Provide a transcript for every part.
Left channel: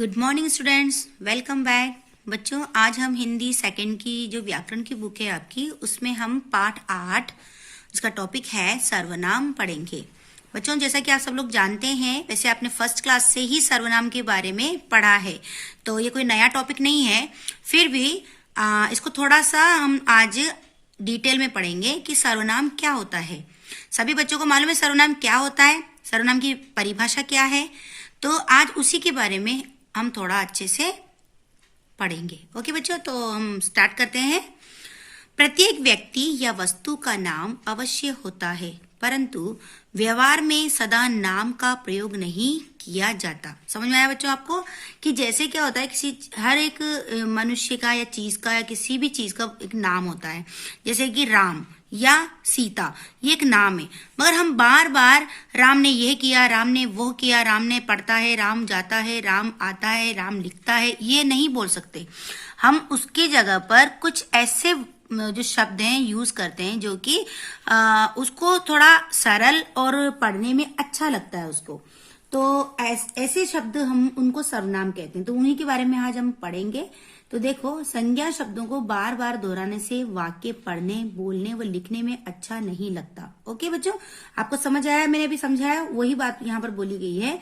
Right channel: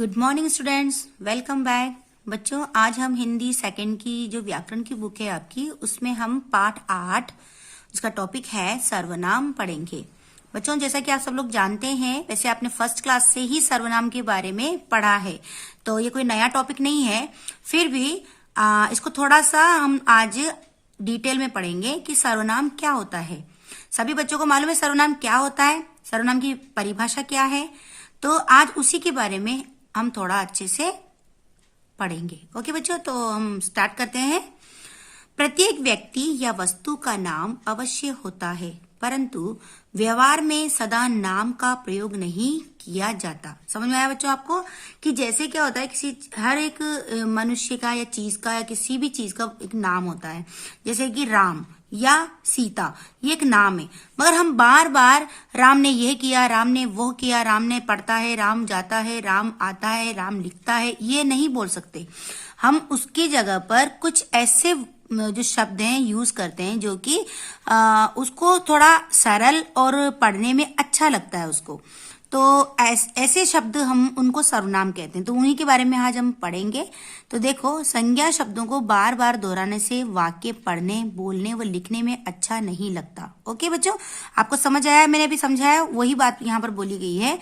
Good morning students, welcome back. बच्चों, आज हम हिंदी सेकंड की जो व्याकरण की बुक है आपकी, उसमें हम पाठ 8 जिसका टॉपिक है सर्वनाम पढ़ेंगे। बच्चों, जैसा कि आप सब लोग जानते हैं, वैसे आपने फर्स्ट क्लास से ही सर्वनाम के बारे में पढ़ा है, तो ये कोई नया टॉपिक नहीं है। फिर भी इसको थोड़ा सा हम आज डिटेल में पढ़ेंगे कि सर्वनाम क्या होता है। सभी बच्चों को मालूम है सर्वनाम क्या होता है, सर्वनाम की परिभाषा क्या है, तो आज उसी के बारे में हम थोड़ा अच्छे से पढ़ेंगे। ओके बच्चों, तो हम स्टार्ट करते हैं। प्रत्येक व्यक्ति या वस्तु का नाम अवश्य होता है, परंतु व्यवहार में सदा नाम का प्रयोग नहीं किया जाता। समझ में आया बच्चों आपको कि जैसे क्या होता है, किसी हर एक मनुष्य का या चीज का या किसी भी चीज का एक नाम होता है। जैसे कि राम या सीता, ये एक नाम है, मगर हम बार बार राम ने यह किया, राम ने वो किया, राम ने पढ़ता है, राम जाता है, राम आता है, राम लिखता है, ये नहीं बोल सकते। हम उसकी जगह पर कुछ ऐसे जो शब्द हैं यूज करते हैं जो कि उसको थोड़ा सरल और पढ़ने में अच्छा लगता है उसको, तो ऐसे शब्द हम उनको सर्वनाम कहते हैं। तो उन्हीं के बारे में आज हम पढ़ेंगे। तो देखो, संज्ञा शब्दों को बार बार दोहराने से वाक्य पढ़ने, बोलने व लिखने में अच्छा नहीं लगता। ओके बच्चों, आपको समझ आया? मैंने भी समझाया, वही बात यहाँ पर बोली गई है।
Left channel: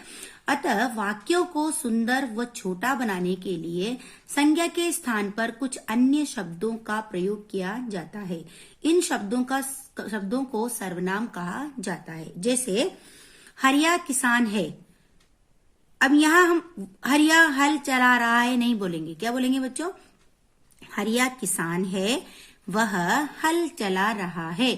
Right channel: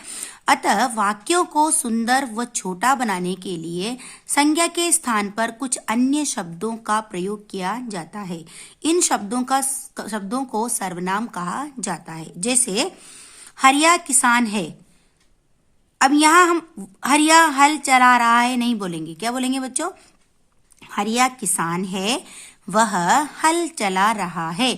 अतः वाक्यों को सुंदर व छोटा बनाने के लिए संज्ञा के स्थान पर कुछ अन्य शब्दों का प्रयोग किया जाता है। इन शब्दों को सर्वनाम कहा जाता है। जैसे हरिया किसान है। अब यहाँ हम हरिया हल चला रहा है नहीं बोलेंगे, क्या बोलेंगे बच्चों? हरिया किसान है, वह हल चला रहा है।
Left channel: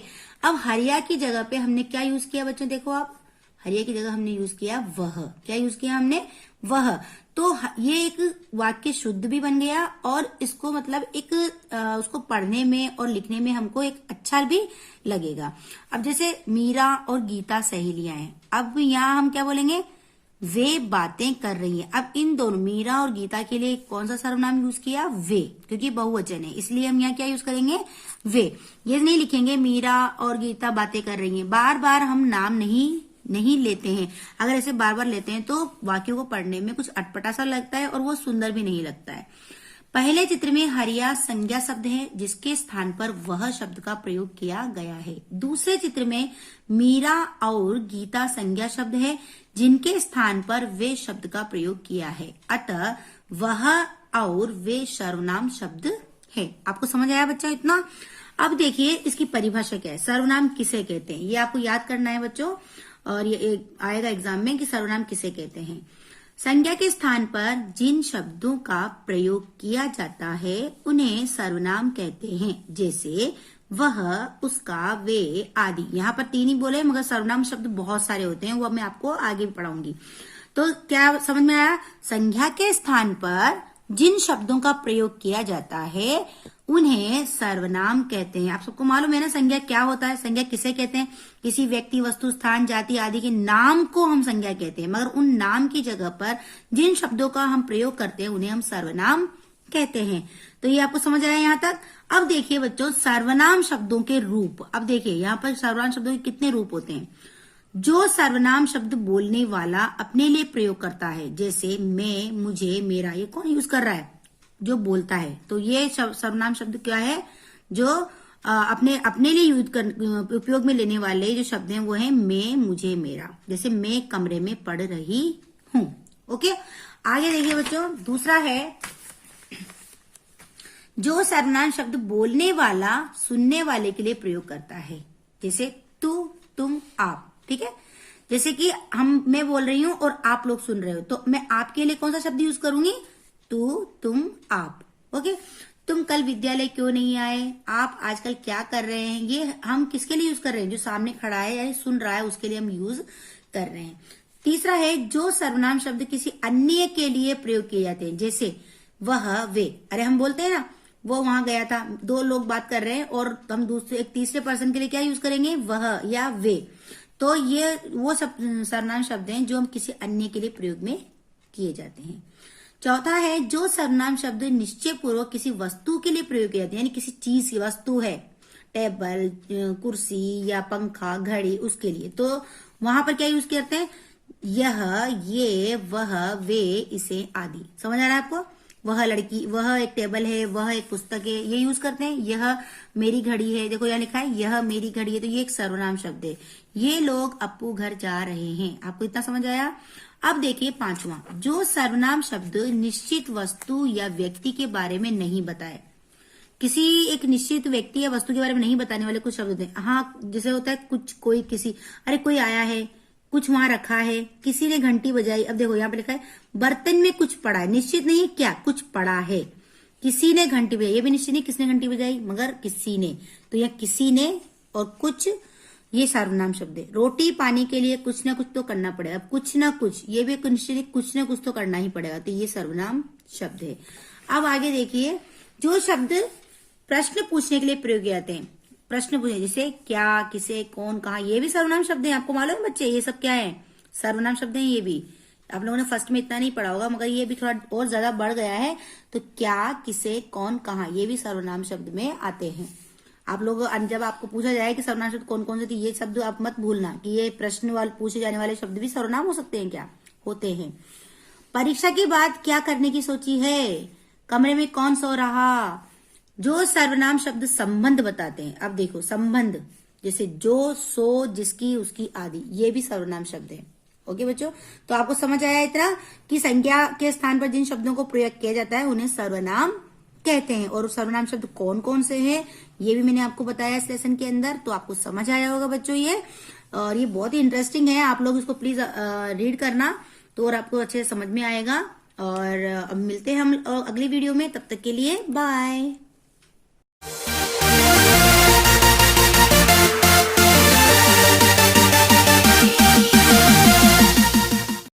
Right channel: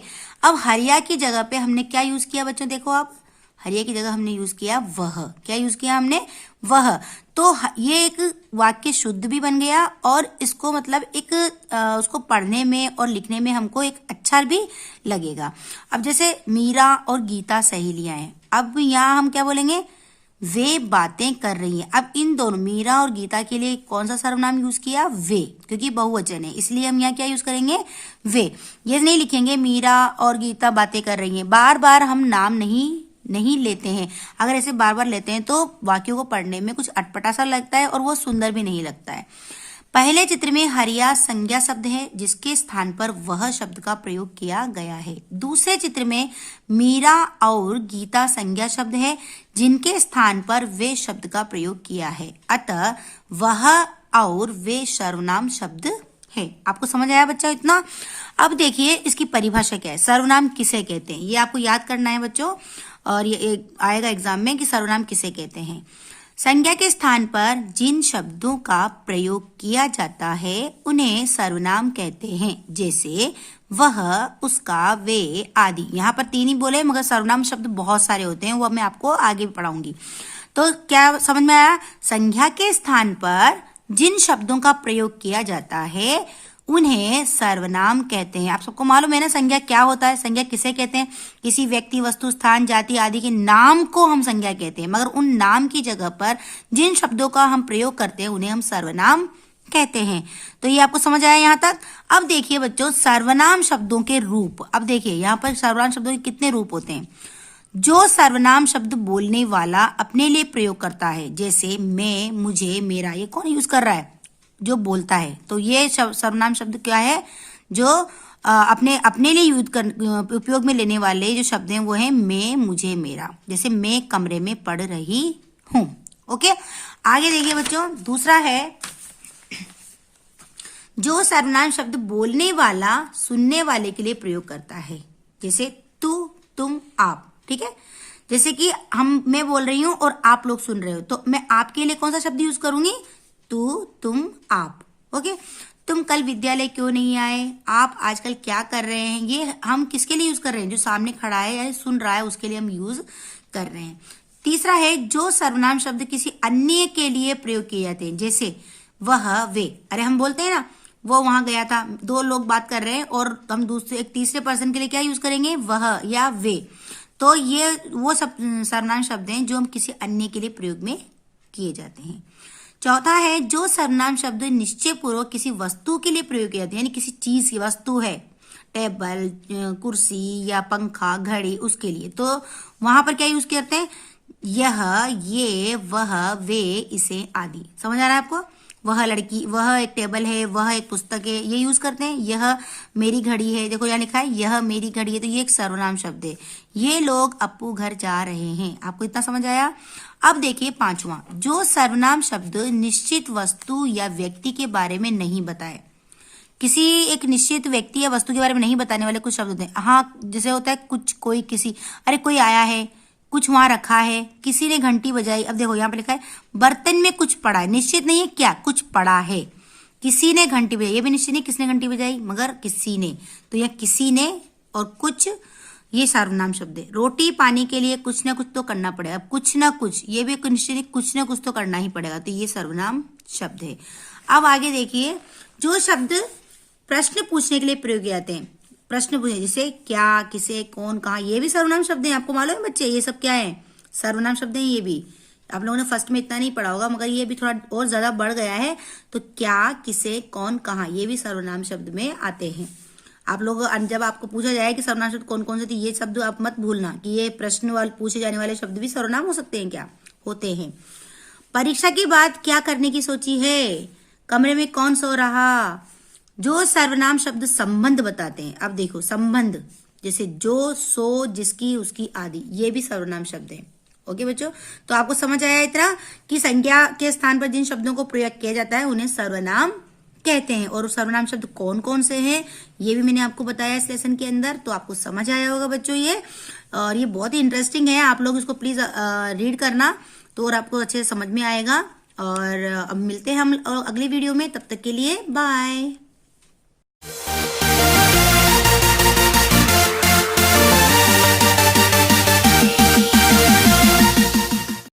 अब हरिया की जगह पे हमने क्या यूज किया बच्चों? देखो आप, हरिया की जगह हमने यूज किया वह। क्या यूज किया हमने? वह। तो ये एक वाक्य शुद्ध भी बन गया और इसको मतलब एक उसको पढ़ने में और लिखने में हमको एक अच्छा भी लगेगा। अब जैसे मीरा और गीता सहेलियां हैं, अब यहाँ हम क्या बोलेंगे? वे बातें कर रही हैं। अब इन दोनों मीरा और गीता के लिए कौन सा सर्वनाम यूज किया? वे, क्योंकि बहुवचन है, इसलिए हम यहाँ क्या यूज करेंगे? वे। ये नहीं लिखेंगे मीरा और गीता बातें कर रही हैं। बार बार हम नाम नहीं लेते हैं। अगर ऐसे बार बार लेते हैं तो वाक्यों को पढ़ने में कुछ अटपटा सा लगता है और वो सुंदर भी नहीं लगता है। पहले चित्र में हरिया संज्ञा शब्द है, जिसके स्थान पर वह शब्द का प्रयोग किया गया है। दूसरे चित्र में मीरा और गीता संज्ञा शब्द है, जिनके स्थान पर वे शब्द का प्रयोग किया है। अतः वह और वे सर्वनाम शब्द है। आपको समझ आया बच्चा इतना? अब देखिए इसकी परिभाषा क्या है। सर्वनाम किसे कहते हैं, ये आपको याद करना है बच्चों, और ये आएगा एग्जाम में कि सर्वनाम किसे कहते हैं। संज्ञा के स्थान पर जिन शब्दों का प्रयोग किया जाता है उन्हें सर्वनाम कहते हैं। जैसे वह, उसका, वे आदि। यहाँ पर 3 ही बोले, मगर सर्वनाम शब्द बहुत सारे होते हैं, वो मैं आपको आगे पढ़ाऊंगी। तो क्या समझ में आया? संज्ञा के स्थान पर जिन शब्दों का प्रयोग किया जाता है उन्हें सर्वनाम कहते हैं। आप सबको मालूम है ना संज्ञा क्या होता है? संज्ञा किसे कहते हैं? किसी व्यक्ति, वस्तु, स्थान, जाति आदि के नाम को हम संज्ञा कहते हैं, मगर उन नाम की जगह पर जिन शब्दों का हम प्रयोग करते हैं उन्हें हम सर्वनाम कहते हैं। तो ये आपको समझ आया यहाँ तक? अब देखिए बच्चों, सर्वनाम शब्दों के रूप। अब देखिए यहाँ पर सर्वनाम शब्दों के कितने रूप होते हैं। जो सर्वनाम शब्द बोलने वाला अपने लिए प्रयोग करता है, जैसे मैं, मुझे, मेरा, ये कौन यूज कर रहा है? जो बोलता है। तो ये सर्वनाम शब्द क्या है? जो अपने लिए उपयोग में लेने वाले जो शब्द हैं वो है मैं, मुझे, मेरा। जैसे मैं कमरे में पढ़ रही हूं। ओके, आगे देखिए बच्चों, दूसरा है जो सर्वनाम शब्द बोलने वाला सुनने वाले के लिए प्रयोग करता है। जैसे तू, तुम, आप। ठीक है, जैसे कि मैं बोल रही हूं और आप लोग सुन रहे हो, तो मैं आपके लिए कौन सा शब्द यूज करूंगी? तू, तुम, आप। ओके, तुम कल विद्यालय क्यों नहीं आए? आप आजकल क्या कर रहे हैं? ये हम किसके लिए यूज कर रहे हैं? जो सामने खड़ा है या सुन रहा है उसके लिए हम यूज कर रहे हैं। तीसरा है जो सर्वनाम शब्द किसी अन्य के लिए प्रयोग किए जाते हैं। जैसे वह, वे। अरे हम बोलते हैं ना, वो वहां गया था, 2 लोग बात कर रहे हैं और हम एक तीसरे पर्सन के लिए क्या यूज करेंगे? वह या वे। तो ये वो सब सर्वनाम शब्द हैं जो हम किसी अन्य के लिए प्रयोग में किए जाते हैं। चौथा है जो सर्वनाम शब्द निश्चय पूर्वक किसी वस्तु के लिए प्रयोग किए जाते हैं, यानी किसी चीज की वस्तु है, टेबल, कुर्सी या पंखा, घड़ी, उसके लिए। तो वहां पर क्या यूज करते हैं? यह, ये, वह, वे, इसे आदि। समझ आ रहा है आपको? वह लड़की, वह एक टेबल है, वह एक पुस्तक है, ये यूज करते हैं। यह मेरी घड़ी है, देखो यहाँ लिखा है यह मेरी घड़ी है, तो ये एक सर्वनाम शब्द है। ये लोग अपू घर जा रहे हैं। आपको इतना समझ आया? अब देखिए पांचवा, जो सर्वनाम शब्द निश्चित वस्तु या व्यक्ति के बारे में नहीं बताए। किसी एक निश्चित व्यक्ति या वस्तु के बारे में नहीं बताने वाले कुछ शब्द होते हैं। हाँ, जैसे होता है कुछ, कोई, किसी, अरे कोई आया है, कुछ वहां रखा है, किसी ने घंटी बजाई। अब देखो यहाँ पे लिखा है बर्तन में कुछ पड़ा है, निश्चित नहीं है क्या, कुछ पड़ा है। किसी ने घंटी बजाई, ये भी निश्चित नहीं किसने घंटी बजाई, मगर किसी ने, तो यह किसी ने और कुछ, ये सर्वनाम शब्द है। रोटी पानी के लिए कुछ ना कुछ तो करना पड़ेगा। अब कुछ ना कुछ, ये भी निश्चित नहीं, कुछ ना कुछ तो करना ही पड़ेगा, तो ये सर्वनाम शब्द है। अब आगे देखिए, जो शब्द प्रश्न पूछने के लिए प्रयोग किए जाते हैं। प्रश्न पूछे जैसे क्या, किसे, कौन, कहाँ, ये भी सर्वनाम शब्द हैं। आपको मालूम है बच्चे, ये सब क्या है? सर्वनाम शब्द हैं। ये भी आप लोगों ने फर्स्ट में इतना नहीं पढ़ा होगा, मगर ये भी थोड़ा और ज्यादा बढ़ गया है। तो क्या, किसे, कौन, कहाँ, ये भी सर्वनाम शब्द में आते हैं। आप लोग जब आपको पूछा जाए कि सर्वनाम शब्द कौन कौन से थे, ये शब्द आप मत भूलना कि ये प्रश्न वाले पूछे जाने वाले शब्द भी सर्वनाम हो सकते हैं। क्या होते हैं? परीक्षा के बाद क्या करने की सोची है? कमरे में कौन सो रहा? जो सर्वनाम शब्द संबंध बताते हैं। अब देखो संबंध, जैसे जो, सो, जिसकी, उसकी आदि, ये भी सर्वनाम शब्द है। ओके बच्चों, तो आपको समझ आया इतना कि संज्ञा के स्थान पर जिन शब्दों को प्रयोग किया जाता है उन्हें सर्वनाम कहते हैं। और सर्वनाम शब्द कौन कौन से हैं ये भी मैंने आपको बताया इस लेसन के अंदर, तो आपको समझ आया होगा बच्चों ये। और ये बहुत ही इंटरेस्टिंग है, आप लोग इसको प्लीज रीड करना, तो और आपको अच्छे से समझ में आएगा। और अब मिलते हैं हम अगली वीडियो में, तब तक के लिए बाय।